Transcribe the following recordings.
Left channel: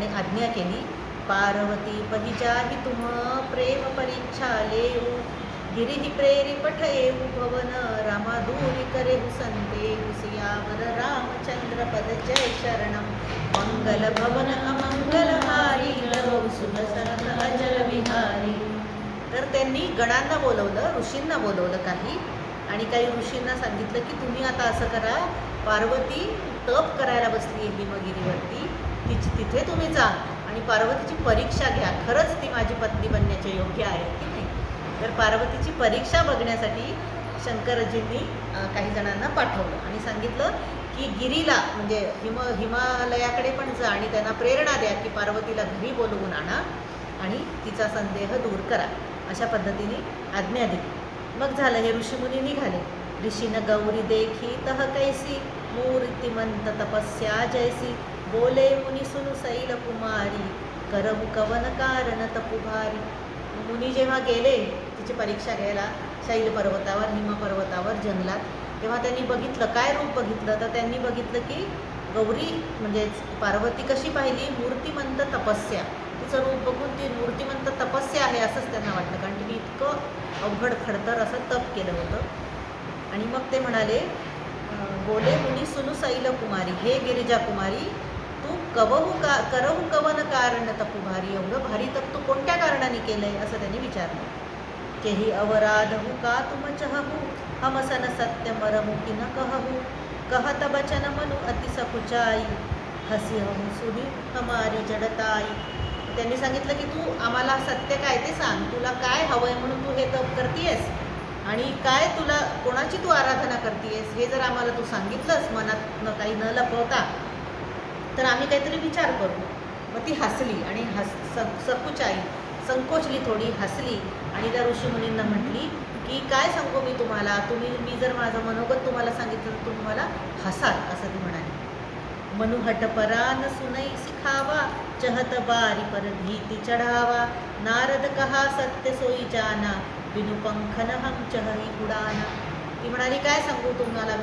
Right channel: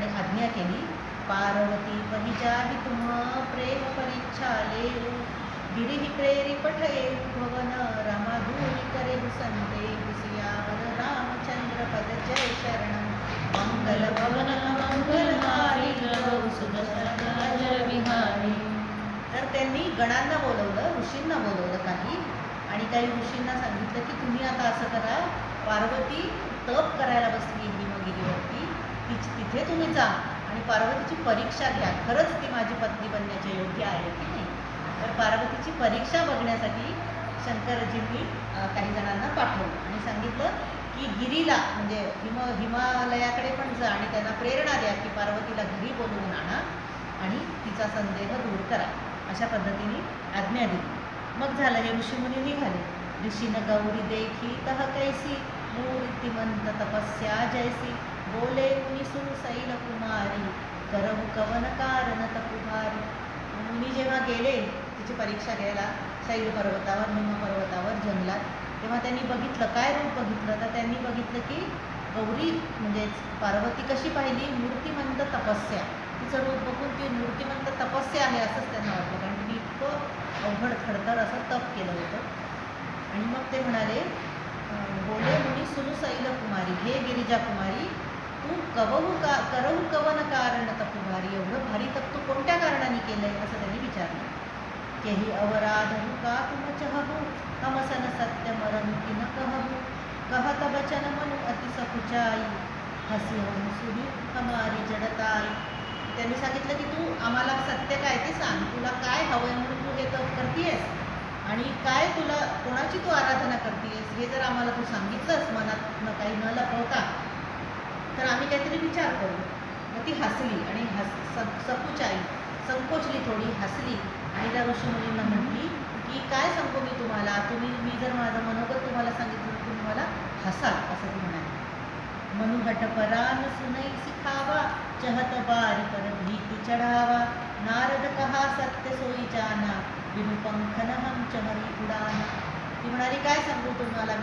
आणि आज्ञा केली, पार्वती पहिजाहि तुम प्रेम परीक्षा लेऊ, गिरिहि प्रेरी पठयेऊ भवन, रामा दूरी करेहु संदेहु, सियावर रामचंद्र पद जय शरणम, मंगल भवन अमंगलहारी, करो सुदर्शन अजर विहारी. तर त्यांनी गणांना बोलवलं, ऋषींना बोलवलं आणि काही ऋषींना सांगितलं की तुम्ही आता असं करा, पार्वती तप करायला बसली हिमगिरीवरती, तिथे तुम्ही जा आणि पार्वतीची परीक्षा घ्या, खरंच ती माझी पत्नी बनण्याचे योग्य आहे की नाही. तर पार्वतीची परीक्षा बघण्यासाठी शंकरजींनी काही जणांना पाठवलं आणि सांगितलं की गिरीला म्हणजे हिमालयाकडे पण जा आणि त्यांना प्रेरणा द्या की पार्वतीला घरी बोलवून आणा आणि तिचा संदेह दूर करा. अशा पद्धतीने आज्ञा दिली. मग झालं, हे ऋषीमुनी निघाले. ऋषीन गौरी देखी तह कैसी, मूर्तिमंत तपस्या जैसी, बोले मुनी सुनु शैल कुमारी, करहु कवन कारण तपुभारी. मुनी जेव्हा गेले तिची परीक्षा घ्यायला शैल पर्वतावर, हिम पर्वतावर, जंगलात, तेव्हा त्यांनी बघितलं, काय रूप बघितलं, तर त्यांनी बघितलं की गौरी म्हणजे पार्वती कशी पाहिली, मूर्तिमंत तपस्या. तिचं रूप बघून ती मूर्तिमंत तपस्या आहे असंच त्यांना वाटलं, कारण तिने इतकं अवघड खडतर असं तप केलं होतं. आणि मग ते म्हणाले, बोले मुनी सुनु शैल कुमारी, हे गिरिजा कुमारी, तू करहु कवन कारण तपुभारी, एवढं भारी तप तू कोणत्या कारणाने केलंय असं त्यांनी विचारलं. केही अवराधहु का तुम चहहु, हम सन सत्य मरहु कि न कहहु, कहत बचन मनु अति सकुचाई, हसी हम सुनी हमारी जडताई. त्यांनी सांगितलं की तू आम्हाला सत्य काय ते सांग, तुला काय हवंय म्हणून तू हे तप करतीयस आणि काय तुला कोणाची तू आराधना करतीयस हे जर आम्हाला तू सांगितलंस मनात काही न लपवता, तर आम्ही काहीतरी विचार करू. मग ती हसली आणि सकुचाई संकोचली, थोडी हसली आणि त्या ऋषीमुनींना म्हटली की काय सांगू मी तुम्हाला, मी जर माझं मनोगत तुम्हाला सांगितलं तर तुम्ही मला हसाल, असं ती म्हणाली. मनुहट परान सुनई सिखावा, चहत बारी पर भीति चढ़ावा, नारद कहा सत्य सोई जाना, बिनु पंखन हम चहरी उडाना. ती म्हणाली काय सांगू तुम्हाला,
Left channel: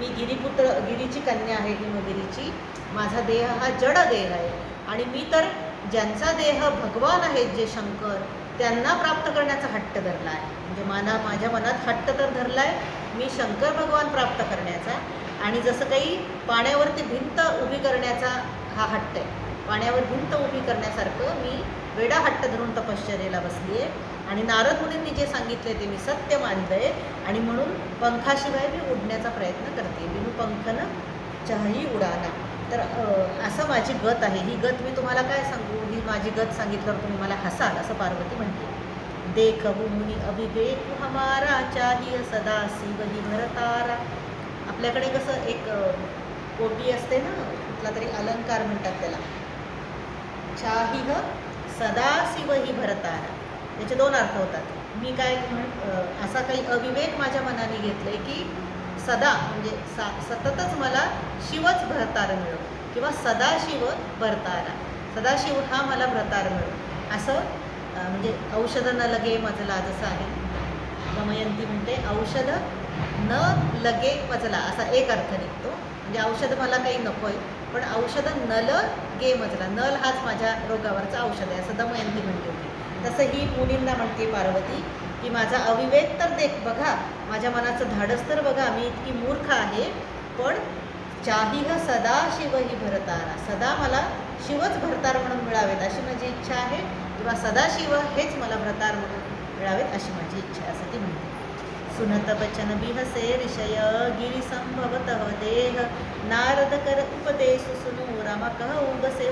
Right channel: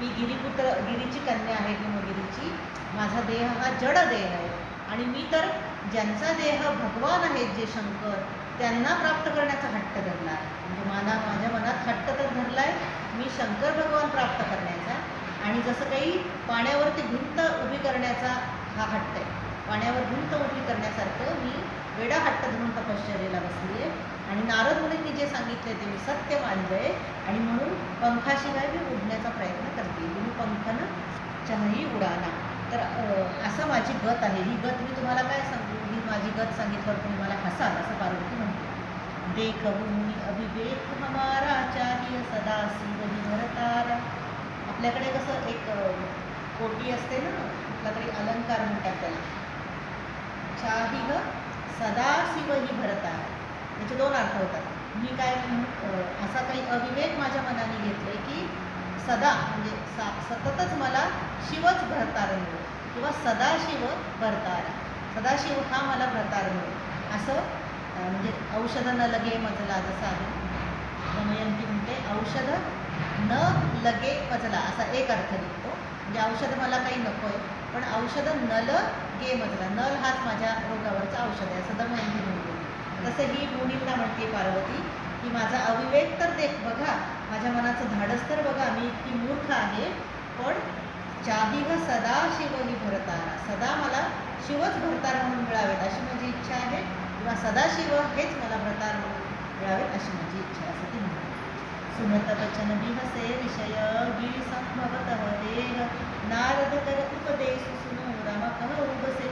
मी गिरीची कन्या आहे, हिमगिरीची. माझा देह हा जड देह आहे आणि मी तर ज्यांचा देह भगवान आहेत जे शंकर, त्यांना प्राप्त करण्याचा हट्ट धरला आहे. म्हणजे माझ्या मनात हट्ट तर धरला आहे मी शंकर भगवान प्राप्त करण्याचा, आणि जसं काही पाण्यावरती भिंत उभी करण्याचा हा हट्ट आहे, पाण्यावर भिंत उभी करण्यासारखं मी वेडा हट्ट धरून तपश्चर्येला बसली आहे. आणि नारद मुनींनी जे सांगितले ते मी सत्य मानलंय आणि म्हणून पंखाशिवाय मी उडण्याचा प्रयत्न करते, बिनु पंखन चहई उडाना. तर असं माझी गत आहे, ही गत मी तुम्हाला काय सांगू, ही माझी गत सांगितल्यावर तुम्ही मला हसाल, असं पार्वती म्हणते. देखहु मुनी अभिवेक हमारा, चाहिए सदा शिवहि भरतारा. आपल्याकडे कसं एक कोटी असते ना, कुठला तरी अलंकार म्हणतात त्याला, चाहिए सदा शिवहि भरतारा. त्याचे दोन अर्थ होतात. मी काय असा काही अविवेक माझ्या मनाने घेतलंय की सदा म्हणजे सततच मला शिवच भरतार मिळो, किंवा सदाशिव भरतारा, सदाशिव हा मला भरतार मिळो, असं म्हणजे औषध न लगे मजला, जसं आहे दमयंती म्हणते, औषध न लगे मजला, असा एक अर्थ निघतो. म्हणजे औषध मला काही नको आहे, पण औषध नल गे मजला, नल हाच माझ्या रोगावरचा औषध आहे, असं दमयंती म्हणते होती. तसं ही मुनींना म्हणते पार्वती की माझा अविवेक तर देख बघा, माझ्या मनाचं धाडस तर बघा, मी इतकी मूर्ख आहे, पण चाहिह सदा शिवही भरतारा, सदा मला शिवच भरतार म्हणून मिळावेत अशी माझी इच्छा आहे, किंवा सदाशिव हेच मला भरतार म्हणून मिळावेत अशी माझी इच्छा आहे, असं ती म्हणते. सुनत बचन बिहसे ऋषय, गिरी संभवतः देह, नारद कर उपदेश सुनु, रामा कहु बसे,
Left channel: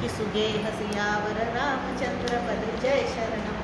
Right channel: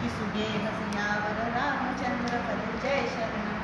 कि सुगे हसियावर रामचंद्र पद जय शरणम.